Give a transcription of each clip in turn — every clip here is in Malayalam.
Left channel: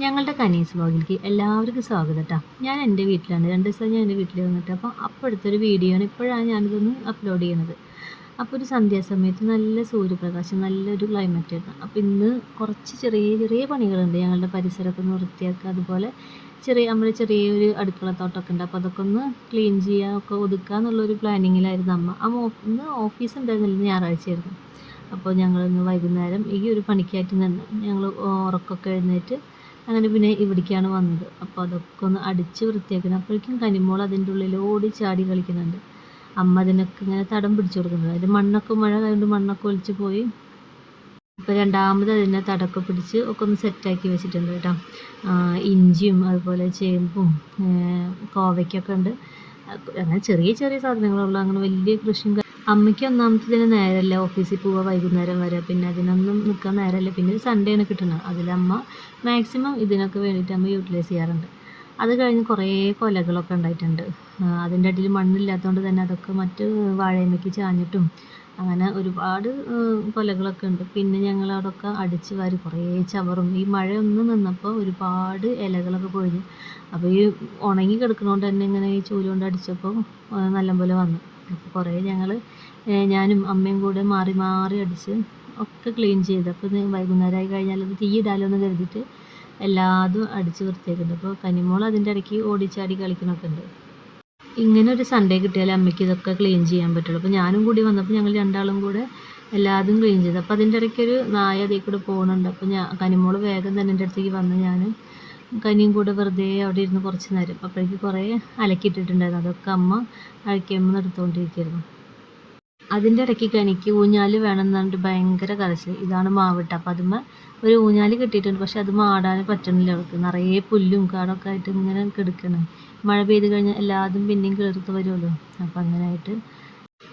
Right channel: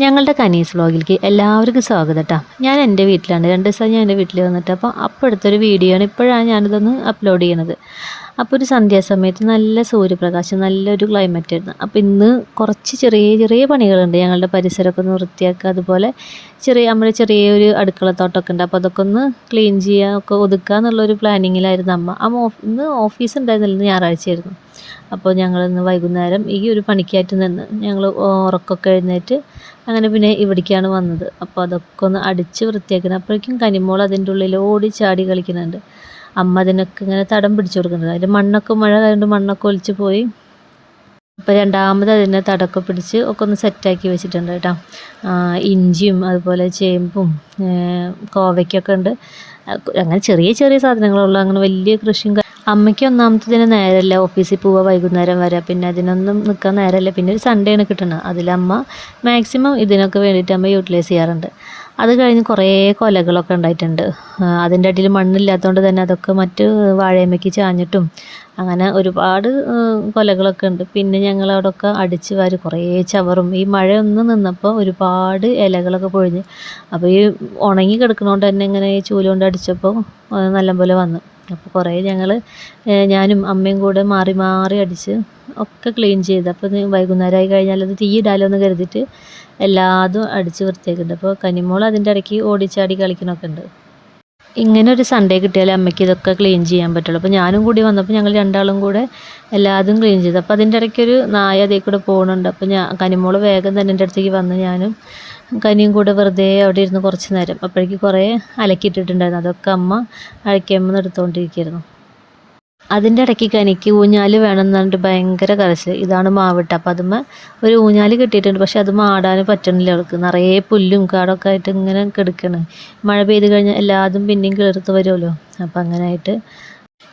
ഞങ്ങളുടെ കനീസ് വ്ളോഗിലേക്ക് എല്ലാവർക്കും സ്വാഗതം കേട്ടോ ഞാൻ എന്റെ വീട്ടിലാണ്. രണ്ട് ദിവസം ഞാൻ എന്റെ വീട്ടിൽ വന്നിട്ട് അപ്പോൾ എടുത്തൊരു വീഡിയോ ആണ് ഇപ്പോഴാണ് ഞാനിതൊന്ന് അപ്ലോഡ് ചെയ്യുന്നത്. അപ്പോൾ ഒരു സന്ധ്യാസമയത്ത് നല്ല സൂര്യപ്രകാശം നല്ലൊരു ക്ലൈമറ്റ് ആയിരുന്നു. അപ്പോൾ ഇന്ന് കുറച്ച് ചെറിയ ചെറിയ പണികളുണ്ട്. ഞങ്ങളുടെ പരിസരമൊക്കെ ഒന്ന് വൃത്തിയാക്കുക അതുപോലെ ചെറിയ നമ്മുടെ ചെറിയൊരു അടുക്കളത്തോട്ടമൊക്കെ ഉണ്ട്. അപ്പോൾ അതൊക്കെ ഒന്ന് ക്ലീൻ ചെയ്യുക ഒക്കെ ഒതുക്കുക എന്നുള്ളൊരു പ്ലാനിങ്ങിലായിരുന്നു അമ്മ. അമ്മ ഇന്ന് ഓഫീസ് ഉണ്ടായിരുന്നില്ല ഞായറാഴ്ചയായിരുന്നു. അപ്പോൾ ഞങ്ങൾ ഇന്ന് വൈകുന്നേരം ഈ ഒരു പണിക്കായിട്ട് നിന്ന് ഞങ്ങൾ ഉറക്കമൊക്കെ എഴുന്നേറ്റ് അങ്ങനെ പിന്നെ ഇവിടേക്കാണ് വന്നത്. അപ്പോൾ അതൊക്കെ ഒന്ന് അടിച്ച് വൃത്തിയാക്കുന്നത് അപ്പോഴേക്കും കനിമോൾ അതിന്റെ ഉള്ളിൽ ഓടി ചാടി കളിക്കുന്നുണ്ട്. അമ്മ അതിനൊക്കെ ഇങ്ങനെ തടം പിടിച്ചു കൊടുക്കുന്നുണ്ട്. അതിൽ മണ്ണൊക്കെ മഴ ആയതുകൊണ്ട് മണ്ണൊക്കെ ഒലിച്ച് പോയി. അപ്പോൾ രണ്ടാമത് അതിനെ തടൊക്കെ പിടിച്ച് ഒക്കെ ഒന്ന് സെറ്റാക്കി വെച്ചിട്ടുണ്ട് കേട്ടോ. ഇഞ്ചിയും അതുപോലെ ചേമ്പും കോവയ്ക്കൊക്കെ ഉണ്ട്. അങ്ങനെ ചെറിയ ചെറിയ സാധനങ്ങളുള്ള അങ്ങനെ വലിയ കൃഷിയും കാ- ഒന്നാമത്തെ ദിനം നേരമല്ല ഓഫീസിൽ പോവുക വൈകുന്നേരം വരെ. പിന്നെ അതിനൊന്നും നിൽക്കാൻ നേരമല്ല പിന്നെ ഒരു സൺഡേ ആണ് കിട്ടുന്നത് അതിലമ്മ മാക്സിമം ഇതിനൊക്കെ വേണ്ടിയിട്ട് അമ്മ യൂട്ടിലൈസ് ചെയ്യാറുണ്ട്. അത് കഴിഞ്ഞ് കുറേ കൊലകളൊക്കെ ഉണ്ടായിട്ടുണ്ട്. അതിന്റെ അടിയിൽ മണ്ണില്ലാത്തതുകൊണ്ട് തന്നെ അതൊക്കെ മറ്റ് വാഴയമ്മയ്ക്ക് ചാഞ്ഞിട്ടും അങ്ങനെ ഒരുപാട് കൊലകളൊക്കെ ഉണ്ട്. പിന്നെ ഞങ്ങൾ അവിടെയൊക്കെ അടിച്ച് വാരി കുറേ ചവറും. ഈ മഴ ഒന്ന് നിന്നപ്പോൾ ഒരുപാട് ഇലകളൊക്കെ പൊഴിഞ്ഞ്. അപ്പോൾ ഈ ഉണങ്ങി കിടക്കുന്നതുകൊണ്ട് തന്നെ ഇങ്ങനെ ഈ ചൂൽ കൊണ്ട് അടിച്ചപ്പോൾ നല്ലപോലെ വന്നു. അപ്പോൾ കുറേ ഞങ്ങൾ ഞാനും അമ്മയും കൂടെ മാറി മാറി അടിച്ച് ഒക്കെ ക്ലീൻ ചെയ്ത്. അപ്പോൾ വൈകുന്നേരമായി കഴിഞ്ഞാൽ അത് തീയിടാലോ എന്ന് കരുതിയിട്ട് എല്ലാതും അടിച്ച് വൃത്തിയാക്കുന്നുണ്ട് അപ്പോൾ കനിമോൾ അതിന്റെ ഇടയ്ക്ക് ഓടിച്ചാടി കളിക്കണമൊക്കെ ഉണ്ട്. ഇങ്ങനെ ഒരു സൺഡേ കിട്ടിയാലേ അമ്മയ്ക്ക് ഇതൊക്കെ ക്ലീൻ ചെയ്യാൻ പറ്റുള്ളൂ. അപ്പോൾ ഞാനും കൂടി വന്നപ്പോൾ ഞങ്ങൾ രണ്ടാളും കൂടെ എല്ലാതും ക്ലീൻ ചെയ്തു. അപ്പോൾ അതിന്റെ ഇടയ്ക്കൊരു നായ അതേ കൂടെ പോകുന്നുണ്ട് അപ്പോൾ ഞാൻ കനിമോൾ വേഗം തന്നെ എന്റെ അടുത്തേക്ക് വന്ന് ഞാനും കനിയും കൂടെ വെറുതെ അവിടെ ഇരുന്ന് കുറച്ച് നേരം. അപ്പോഴേക്ക് കുറേ അലക്കിയിട്ടിട്ടുണ്ടായിരുന്നു. അതൊക്കെ അമ്മ അഴക്കിയമ്മന്ന് എടുത്തുകൊണ്ടിരിക്കുകയായിരുന്നു അതിന്റെ ഇടയ്ക്ക് കനിക്ക് ഊഞ്ഞാൽ വേണം എന്ന് പറഞ്ഞിട്ട് ഭയങ്കര കരച്ചിൽ ഇതാണ് മാവിട്ട. അപ്പോൾ അതുമ്മ ഒരു ഊഞ്ഞാൽ കിട്ടിയിട്ടുണ്ട്. പക്ഷെ അത് മാടാൻ പറ്റണില്ല അവൾക്ക്. നിറയെ പുല്ലും കാടൊക്കെ ആയിട്ട് ഇങ്ങനെ കിടക്കണ്. മഴ പെയ്ത് കഴിഞ്ഞാൽ എല്ലാതും പിന്നെയും കിളിർത്ത് വരുമല്ലോ. അപ്പോൾ അങ്ങനെ ആയിട്ട്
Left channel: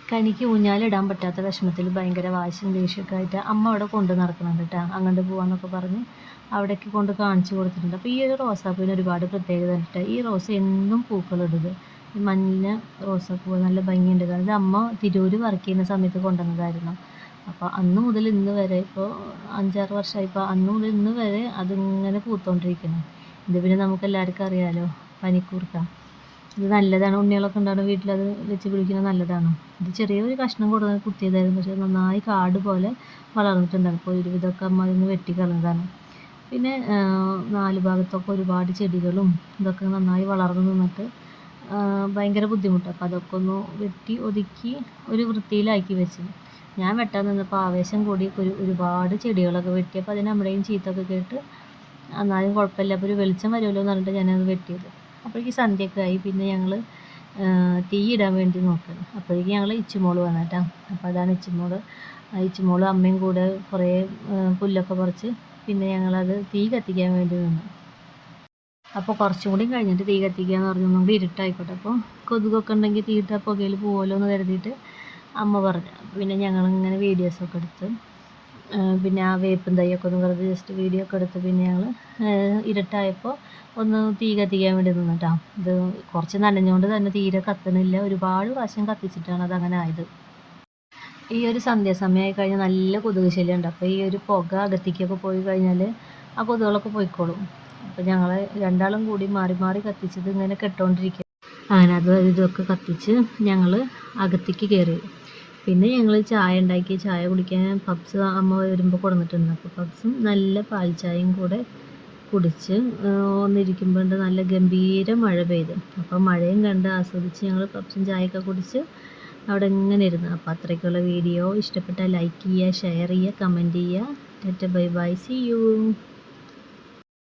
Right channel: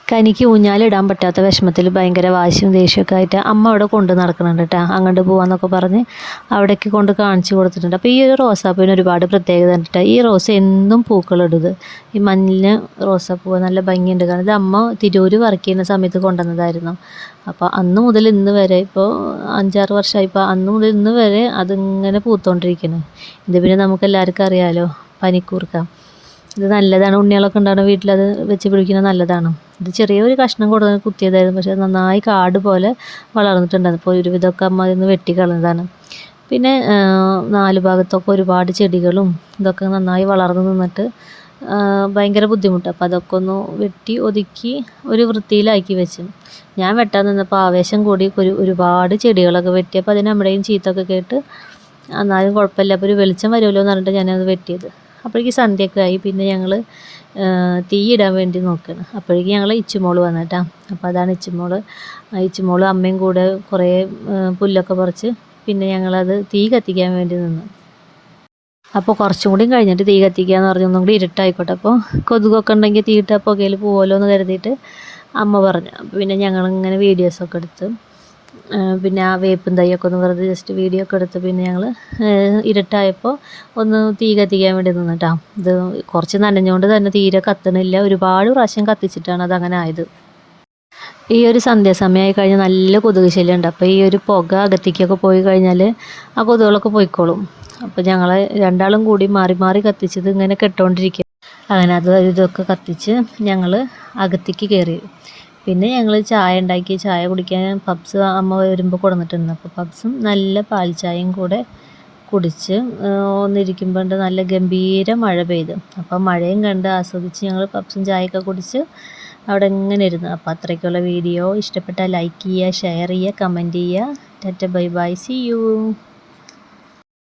കനിക്ക് ഊഞ്ഞാലിടാൻ പറ്റാത്ത വിഷമത്തിൽ ഭയങ്കര വാശിയും ദേഷ്യമൊക്കെ ആയിട്ട് അമ്മ അവിടെ കൊണ്ട് നടക്കുന്നുണ്ട് കേട്ടോ അങ്ങോട്ട് പോവാന്നൊക്കെ പറഞ്ഞ് അവിടേക്ക് കൊണ്ട് കാണിച്ചു കൊടുത്തിട്ടുണ്ട്. അപ്പോൾ ഈ ഒരു റോസാപ്പൂവിന് ഒരുപാട് പ്രത്യേകത ഉണ്ട് ഈ റോസ് എന്നും പൂക്കളിടുന്നത്. ഈ മഞ്ഞ റോസാപ്പൂവ് നല്ല ഭംഗിയുണ്ട്. കാരണം ഇത് അമ്മ തിരൂര് വർക്ക് ചെയ്യുന്ന സമയത്ത് കൊണ്ടുവന്നതായിരുന്നു. അപ്പോൾ അന്ന് മുതൽ ഇന്ന് വരെ ഇപ്പോൾ അഞ്ചാറ് വർഷമായി. ഇപ്പോൾ അന്ന് മുതൽ ഇന്ന് വരെ അതിങ്ങനെ പൂത്തോണ്ടിരിക്കുന്നത് ഇത് പിന്നെ നമുക്ക് എല്ലാവർക്കും അറിയാമല്ലോ പനിക്കൂർക്ക. ഇത് നല്ലതാണ്. ഉണ്ണികളൊക്കെ ഉണ്ടാകുന്ന വീട്ടിൽ അത് വെച്ച് പിടിക്കുന്നത് നല്ലതാണ്. ഇത് ചെറിയൊരു കഷ്ണം കൊടുത്ത് കുത്തിയതായിരുന്നു. പക്ഷേ നന്നായി കാട് പോലെ വളർന്നിട്ടുണ്ടായിരുന്നു അപ്പോൾ ഒരുവിധമൊക്കെ അമ്മ ഇന്ന് വെട്ടിക്കളഞ്ഞതാണ് പിന്നെ നാല് ഭാഗത്തൊക്കെ ഒരുപാട് ചെടികളും ഇതൊക്കെ നന്നായി വളർന്നു നിന്നിട്ട് ഭയങ്കര ബുദ്ധിമുട്ട്. അപ്പോൾ അതൊക്കെ ഒന്ന് വെട്ടി ഒതുക്കി ഒരു വൃത്തിയിലാക്കി വെച്ചു. ഞാൻ വെട്ടാൻ നിന്നപ്പോൾ ആവേശം കൂടി ഒരു ഒരുപാട് ചെടികളൊക്കെ വെട്ടിയപ്പോൾ അതിന് നമ്മുടെയും ചീത്തൊക്കെ കേട്ട് എന്നാലും കുഴപ്പമില്ല. അപ്പോൾ ഒരു വെളിച്ചം വരുമല്ലോ എന്ന് പറഞ്ഞിട്ട് ഞാനത് വെട്ടിയത്. അപ്പോഴേക്ക് സന്ധ്യയൊക്കെ ആയി പിന്നെ ഞങ്ങൾ തീയിടാൻ വേണ്ടി നോക്കുകയാണ് അപ്പോഴേക്കും ഞങ്ങൾ ഇച്ചുമോൾ വന്നിട്ടാ. അപ്പോൾ അതാണ് ഇച്ചുമോൾ. ഇച്ചുമോൾ അമ്മയും കൂടെ കുറേ പുല്ലൊക്കെ പറിച്ച് പിന്നെ ഞങ്ങളത് തീ കത്തിക്കാൻ വേണ്ടി നിന്നു. അപ്പോൾ കുറച്ചും കൂടി കഴിഞ്ഞിട്ട് തീ കത്തിക്കുക എന്ന് പറഞ്ഞു ഒന്നും കൂടി ഇരുട്ടായിക്കോട്ടെ. അപ്പോൾ കൊതുകൊക്കെ ഉണ്ടെങ്കിൽ തീയിട്ട പുകയിൽ പോകുമല്ലോ എന്ന് കരുതിയിട്ട് അമ്മ പറഞ്ഞു. പിന്നെ ഞങ്ങളിങ്ങനെ വീഡിയോസൊക്കെ എടുത്ത് പിന്നെ ആ വേപ്പും തൈയൊക്കെ ഒന്ന് വെറുതെ ജസ്റ്റ് വീഡിയോ ഒക്കെ എടുത്ത് പിന്നെ ഞങ്ങൾ ഇരുട്ടായപ്പോൾ ഒന്ന് തീ കത്തിക്കാൻ വേണ്ടി നിന്നിട്ടാ. ഇത് കുറച്ച് നനഞ്ഞുകൊണ്ട് തന്നെ തീരെ കത്തണില്ല. ഒരുപാട് പ്രാവശ്യം കത്തിച്ചിട്ടാണ് അത് അങ്ങനെ ആയത്. ഈ ഒരു സന്ധ്യാസമയമായി കഴിഞ്ഞാൽ നല്ല കൊതുക് ശല്യമുണ്ട് അപ്പോൾ ഈ ഒരു പുക അകത്തേക്കൊക്കെ പോയി കഴിഞ്ഞാൽ ആ കൊതുകുകളൊക്കെ പോയിക്കോളും. അപ്പോൾ ഞങ്ങൾ രണ്ടാളും കൂടി മാറി മാറി കത്തിച്ചത് ഇങ്ങനെ കെട്ടുകൊണ്ടിരിക്കുക അങ്ങനെ അത് ഇതൊക്കെ കത്തിച്ച് ഞങ്ങൾ അകത്തേക്ക് കയറി പിന്നെ ഞങ്ങൾ ചായ ഉണ്ടാക്കി ചായ കുടിക്കാൻ പബ്സ് അമ്മ വരുമ്പോൾ കൊടുന്നിട്ടുണ്ട് അപ്പോൾ പബ്സും നല്ല പാൽ ചായയും കൂടെ കുടിച്ച് ഒന്നിരിക്കുമ്പോൾ നല്ല ഗംഭീര മഴ പെയ്തു. അപ്പോൾ മഴയും കണ്ട് ആസ്വദിച്ച് ഞങ്ങൾ പബ്സും ചായയൊക്കെ കുടിച്ച് അവിടെ ഇങ്ങനെ ഇരുന്നു. അപ്പോൾ അത്രയ്ക്കുള്ള വീഡിയോ. ഇഷ്ടപ്പെട്ടാൽ ലൈക്ക് ചെയ്യുക ഷെയർ ചെയ്യുക കമന്റ് ചെയ്യുക. Tata bye bye. See you